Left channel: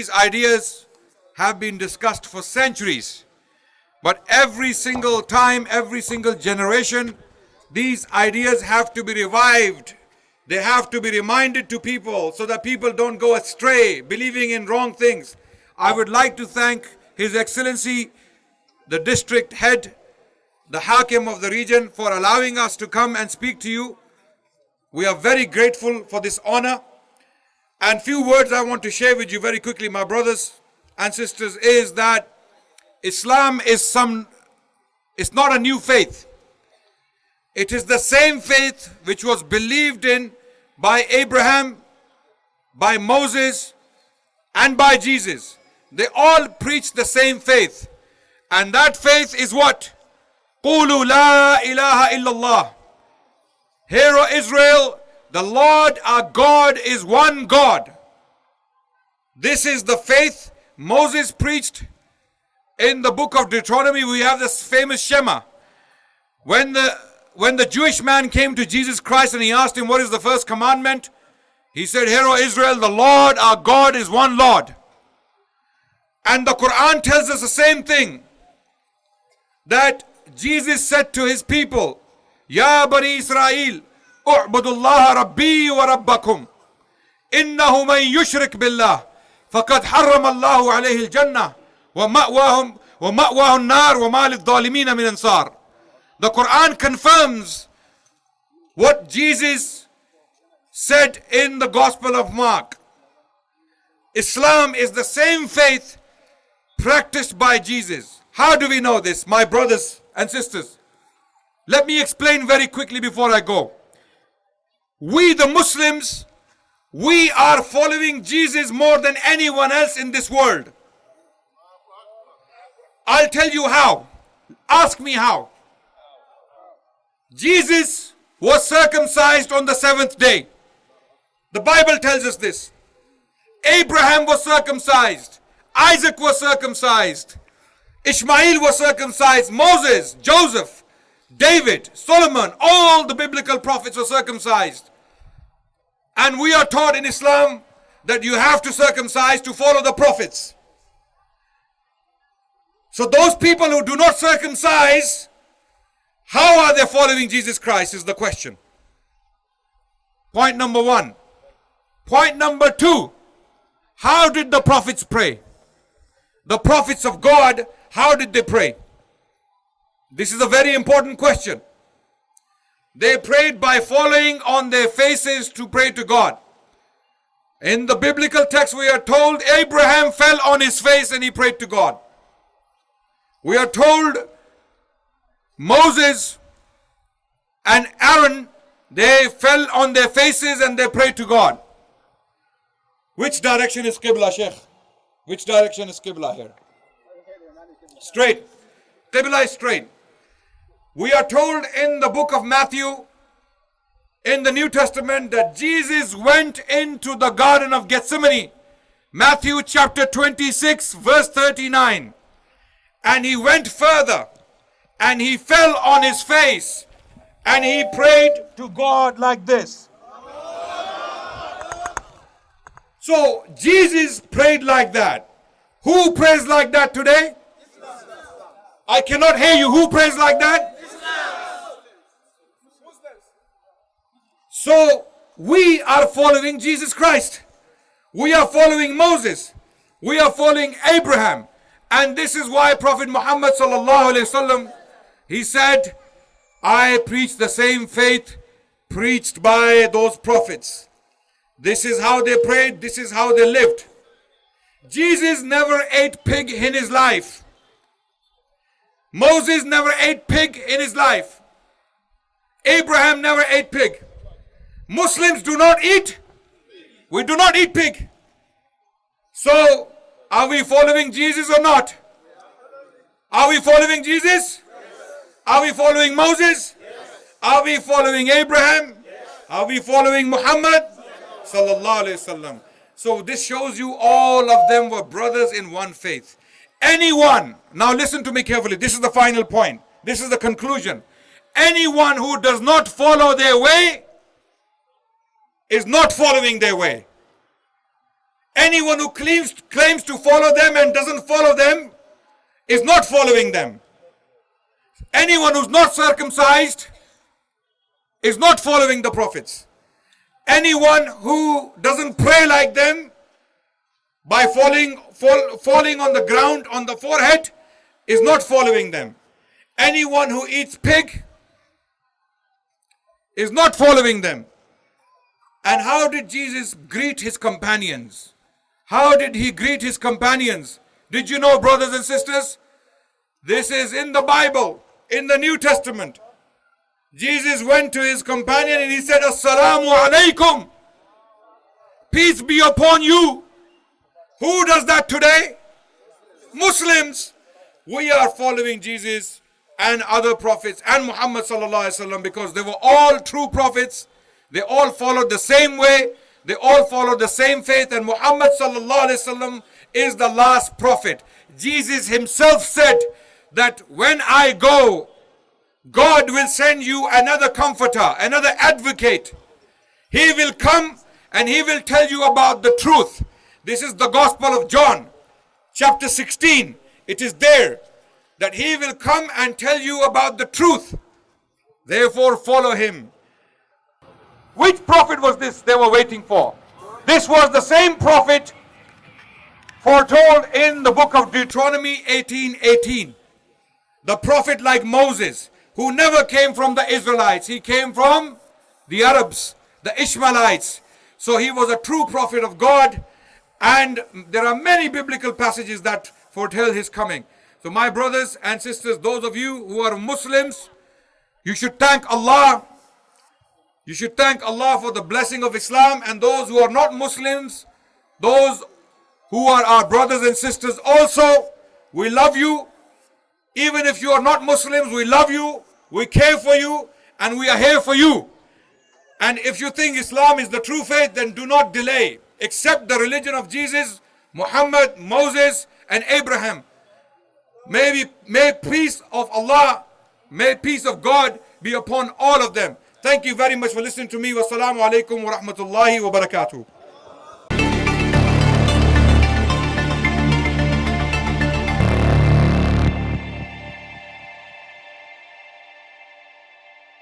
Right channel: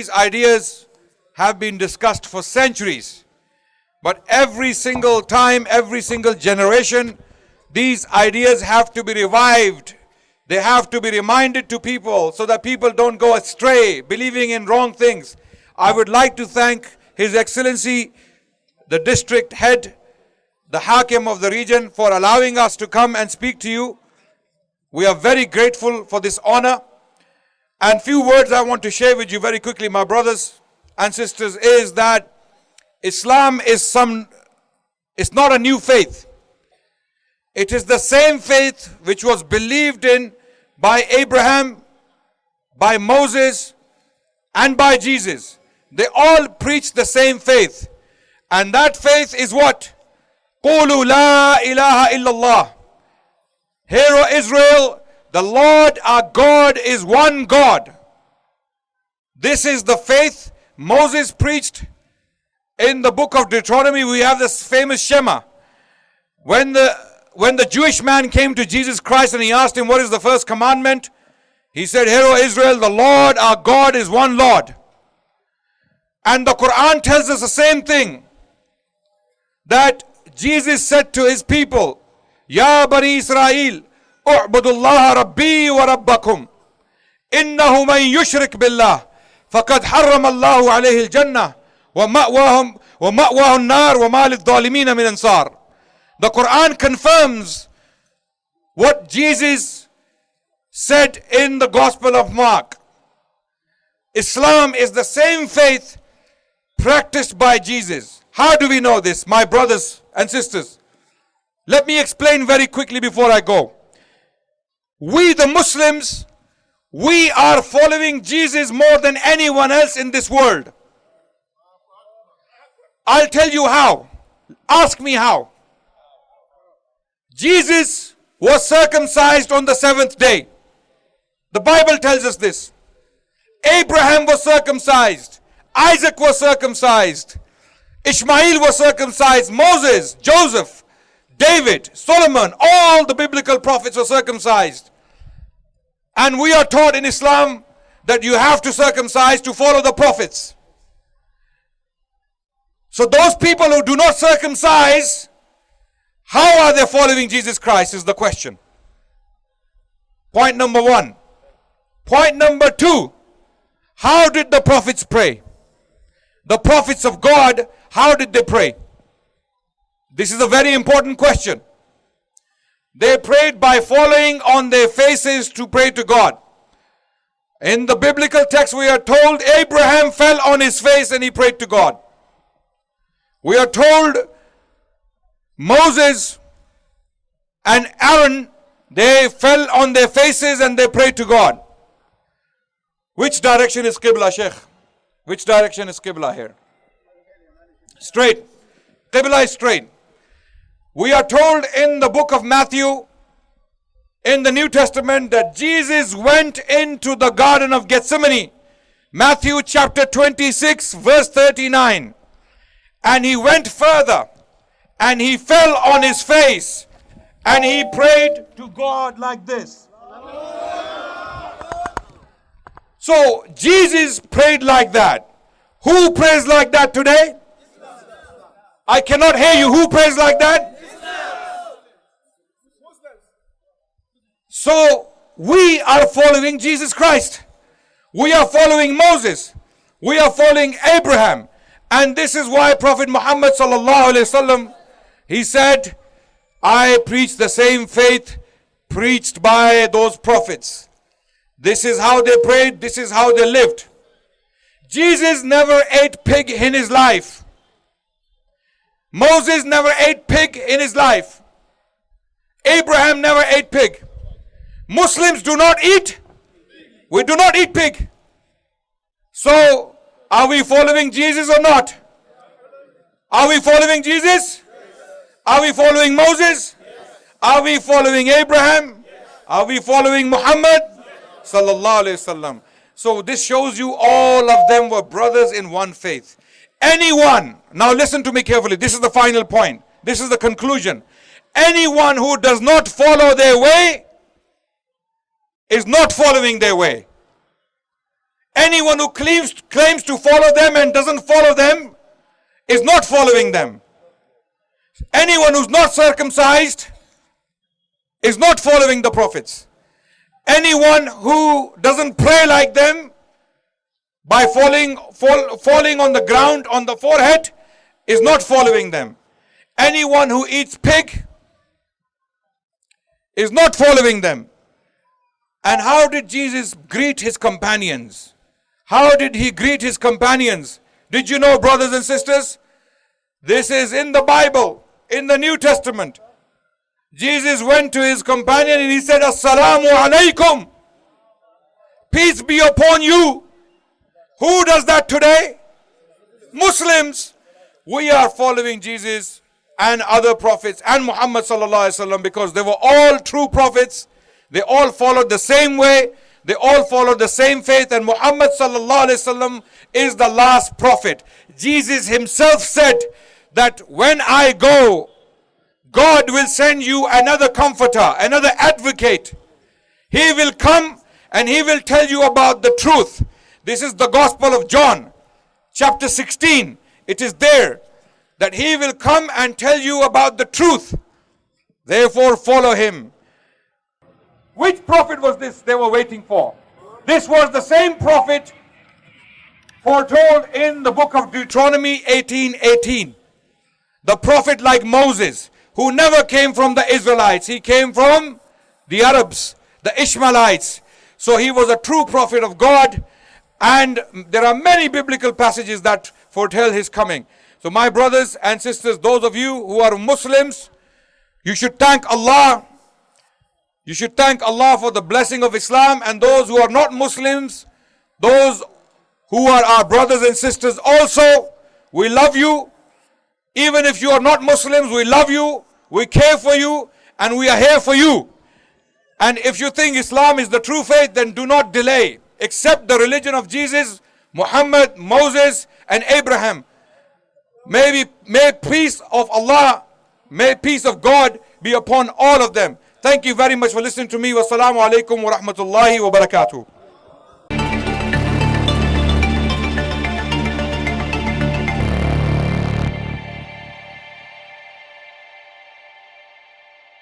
These ideas have been discussed for centuries. But every single time, every single generation, these ideas have to be revived. They have to be reminded to people so that people don't go astray, believing in wrong things. I would like to thank His Excellency, the district head, the Hakim of the region, for allowing us to come and speak to you. We are very grateful for this honor. And few words I want to share with you very quickly, my brothers and sisters, is that Islam is it's not a new faith. It is the same faith which was believed in by Abraham, by Moses, and by Jesus. They all preach the same faith. And that faith is what? قُولُوا لَا إِلَهَ إِلَّا اللَّهِ. Hear, O Israel, the Lord our God is one God. This is the faith Moses preached. In the book of Deuteronomy, we have this famous Shema. When the Jewish man came to Jesus Christ and he asked him, what is the first commandment? He said, Hear, O Israel, the Lord our God is one Lord. And the Quran tells us the same thing. That Jesus said to his people, Ya Bani Israel, U'budullaha Rabbi wa Rabbakum. Innahu man yushrik billah. Faqad harram Allahu alayhi al-jannah. وَمَأْوَاهُ النَّارُ وَمَا لِلظَّالِمِينَ مِنْ أَنصَارٍ. The Quran confirms what Jesus said in the Gospel of Mark. Islam is the same faith practiced by Jesus. How do we know this, my brothers and sisters? Let me explain very quickly before I go. We the Muslims, we are following Jesus more than anyone else in this world. I'll tell you how. Ask me how. Jesus was circumcised on the 7th day. The Bible tells us this. Abraham was circumcised. Isaac was circumcised. Ishmael was circumcised. Moses, Joseph, David, Solomon, all the biblical prophets were circumcised. And we are taught in Islam that you have to circumcise to follow the prophets. So those people who do not circumcise, how are they following Jesus Christ is the question. Point number one. Point number two. How did the prophets pray? The prophets of God, how did they pray? This is a very important question. They prayed by falling on their faces to pray to God. In the biblical text we are told Abraham fell on his face and he prayed to God. We are told Moses and Aaron, they fell on their faces and they prayed to God. Which direction is Qibla, Sheikh? Which direction is Qibla here? Straight. Qibla is straight. We are told in the book of Matthew, in the New Testament, that Jesus went into the Garden of Gethsemane. Matthew chapter 26, verse 39. And he went further and he fell on his face and he prayed to God like this. So Jesus prayed like that. Who prays like that today? I cannot hear you. Who prays like that? So we are following Jesus Christ. We are following Moses. We are following Abraham. And this is why Prophet Muhammad sallallahu alaihi wasallam, he said, I preach the same faith preached by those prophets. This is how they prayed. This is how they lived. Jesus never ate pig in his life. Moses never ate pig in his life. Abraham never ate pig. Muslims do not eat. We do not eat pig. So, are we following Jesus or not? Are we following Jesus? Are we following Moses? Are we following Abraham? Are we following Muhammad? Sallallahu Alaihi Wasallam. So this shows you all of them were brothers in one faith. Anyone, now listen to me carefully, this is the final point. This is the conclusion. Anyone who does not follow their way is not following their way. Anyone who claims to follow them and doesn't follow them is not following them. Anyone who's not circumcised is not following the prophets. Anyone who doesn't pray like them by falling on the ground on the forehead is not following them. Anyone who eats pig is not following them. And how did Jesus greet his companions? How did he greet his companions? Did you know, brothers and sisters? This is in the Bible, in the New Testament. Jesus went to his companion and he said, Assalamu alaikum. Peace be upon you. Who does that today? Muslims. We are following Jesus and other prophets and Muhammad sallallahu alaihi wasallam because they were all true prophets. They all followed the same way. They all followed the same faith. And Muhammad sallallahu alaihi wasallam is the last prophet. Jesus himself said that when I go, God will send you another comforter, another advocate. He will come and he will tell you about the truth. This is the Gospel of John, chapter 16. It is there that he will come and tell you about the truth. Therefore, follow him. Which prophet was this they were waiting for? This was the same prophet foretold in the book of Deuteronomy 18:18. The prophet like Moses, who never came from the Israelites. He came from the Arabs, the Ishmaelites. So he was a true prophet of God. And there are many biblical passages that foretell his coming. So my brothers and sisters, those of you who are Muslims, you should thank Allah. You should thank Allah for the blessing of Islam. And those who are not Muslims, those who are our brothers and sisters also, we love you. Even if you are not Muslims, we love you, we care for you, and we are here for you. And if you think Islam is the true faith, then do not delay. Accept the religion of Jesus, Muhammad, Moses, and Abraham. May peace of Allah, may peace of God be upon all of them. Thank you very much for listening to me. Wassalamu alaikum wa rahmatullahi wa barakatuh.